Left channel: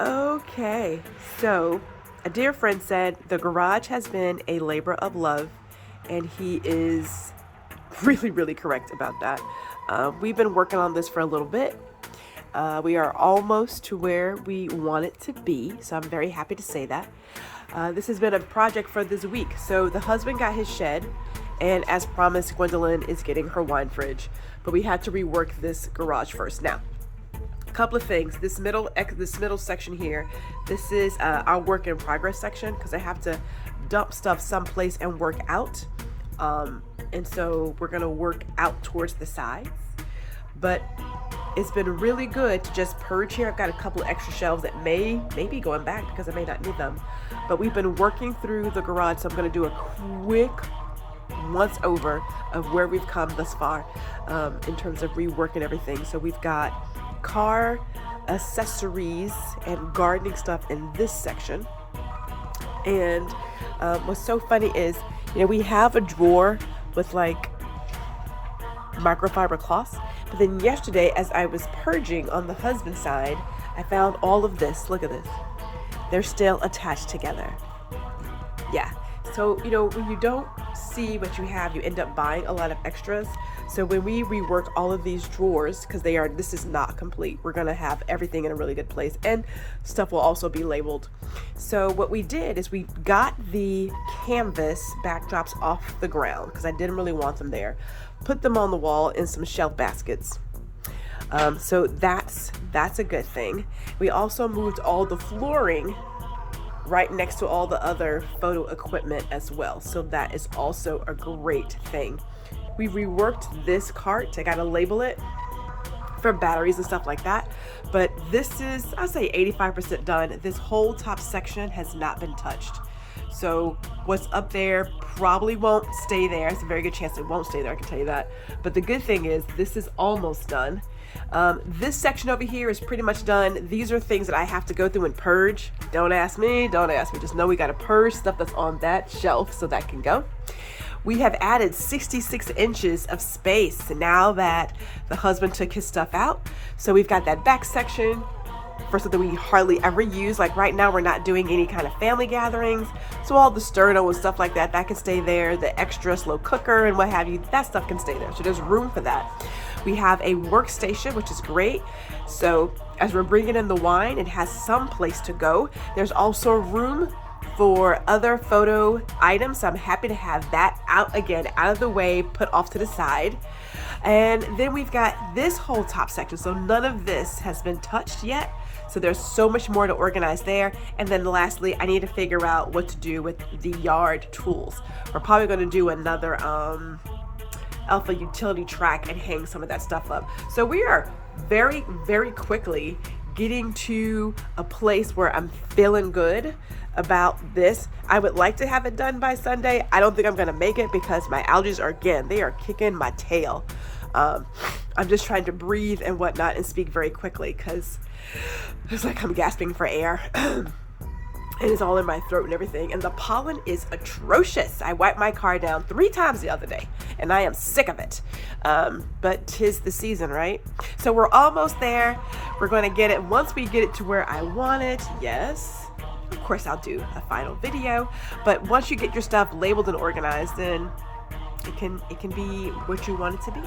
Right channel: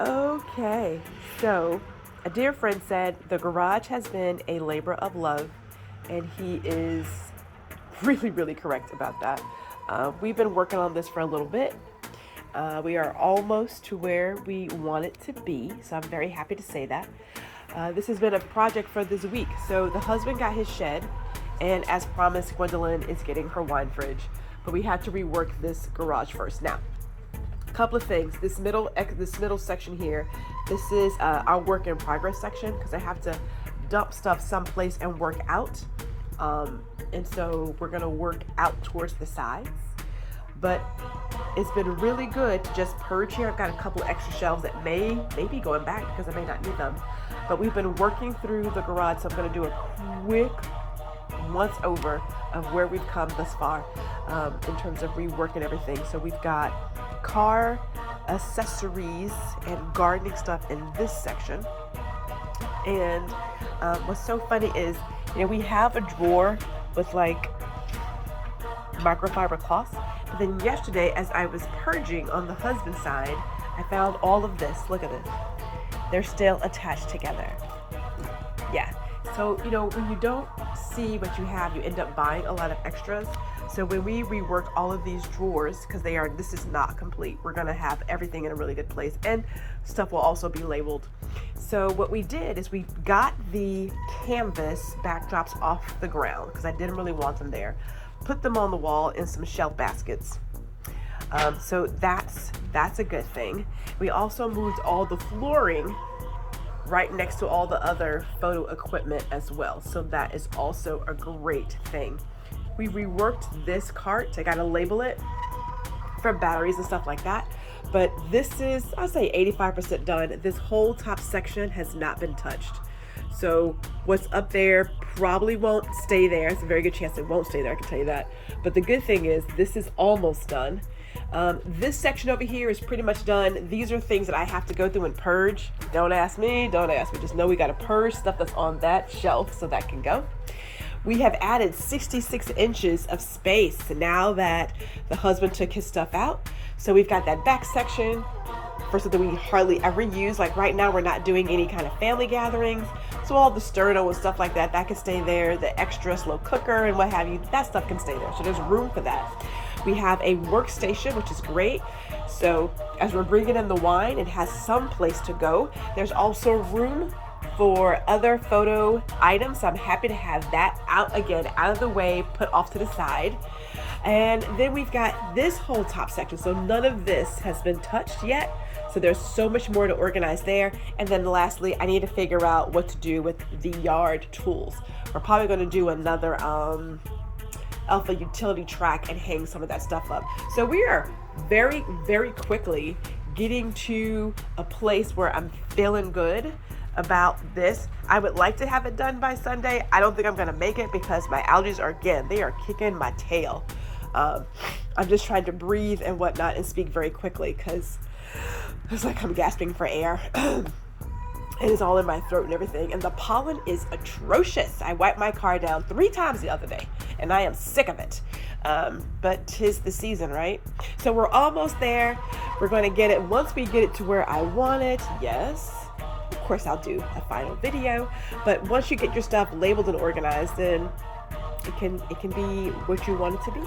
Okay, so a dear friend said the garage has been a labor of love, and he is really, really correct about that. We've been working on this for a little bit. We are almost to where we want it to be, so I'm very happy to say that. This has been a project for this week. So the husband got his shed, and as promised, Gwendolyn is getting her wine fridge. But we had to rework this garage first. Now, a couple of things. This middle section here, this is our work in progress section because I have to dump stuff someplace and work out. And so we're gonna work out towards the sides. But it's been really good to just purge here. I've got a couple of extra shelves that may be going back because I may not need them. But we've been working through the garage, so I'm going to do a quick once over of where we've come thus far in terms of reworking everything. So we've got car accessories and gardening stuff in this section. And what's so funny is, we have a drawer with like microfiber cloths. But then yesterday, as I was purging on the husband's side, I found all of this. Look at this. They're still attached together. Yeah. So, when you don't see what you have, you end up buying a lot of extras. So when we reworked all of these drawers, because this is not complete, we're going to have everything in a really good place, and stuff will also be labeled. So what we did is we got the canvas backdrops off the ground because I didn't really want them there. Put them on the wall in some shelf baskets. So that's a good thing. We also moved all the flooring right next to all the other photo equipment as well. So that is also a great thing. We reworked this cart. I got to label it for batteries and stuff like that. But this is, I'll say 85% done. This whole top section has not been touched. So what's up there probably won't stay there. It's a very good chance it won't stay there, I can tell you that. But the good thing is this is almost done. This section over here is pretty much done. These are things that I have to go through and purge. Don't ask me. Just know we got to purge stuff that's on that shelf so that can go. We have added 66 inches of space now that the husband took his stuff out. So we've got that back section for something we hardly ever use. Like right now, we're not doing any kind of family gatherings. So all the sterno and stuff like that can stay there. The extra slow cooker and what have you, that stuff can stay there. So there's room for that. We have a workstation, which is great. So as we're bringing in the wine, it has some place to go. There's also room for other photo items. So I'm happy to have that out of the way, put off to the side. And then we've got this whole top section. So none of this has been touched yet. So there's so much more to organize there. And then lastly, I need to figure out what to do with the yard tools. We're probably going to do another Elfa utility track and hang some of that stuff up. So we are very, very quickly getting to a place where I'm feeling good about this. I would like to have it done by Sunday. I don't think I'm going to make it because my allergies they are kicking my tail. I'm just trying to breathe and whatnot and speak very quickly because it's like I'm gasping for air. It is all in my throat and everything. And the pollen is atrocious. I wiped my car down 3 times the other day and I am sick of it. But 'tis the season, right? So we're almost there. We're going to get it. Once we get it to where I want it, yes, of course I'll do a final video. But once you get your stuff labeled and organized, then it can be what you want it to be.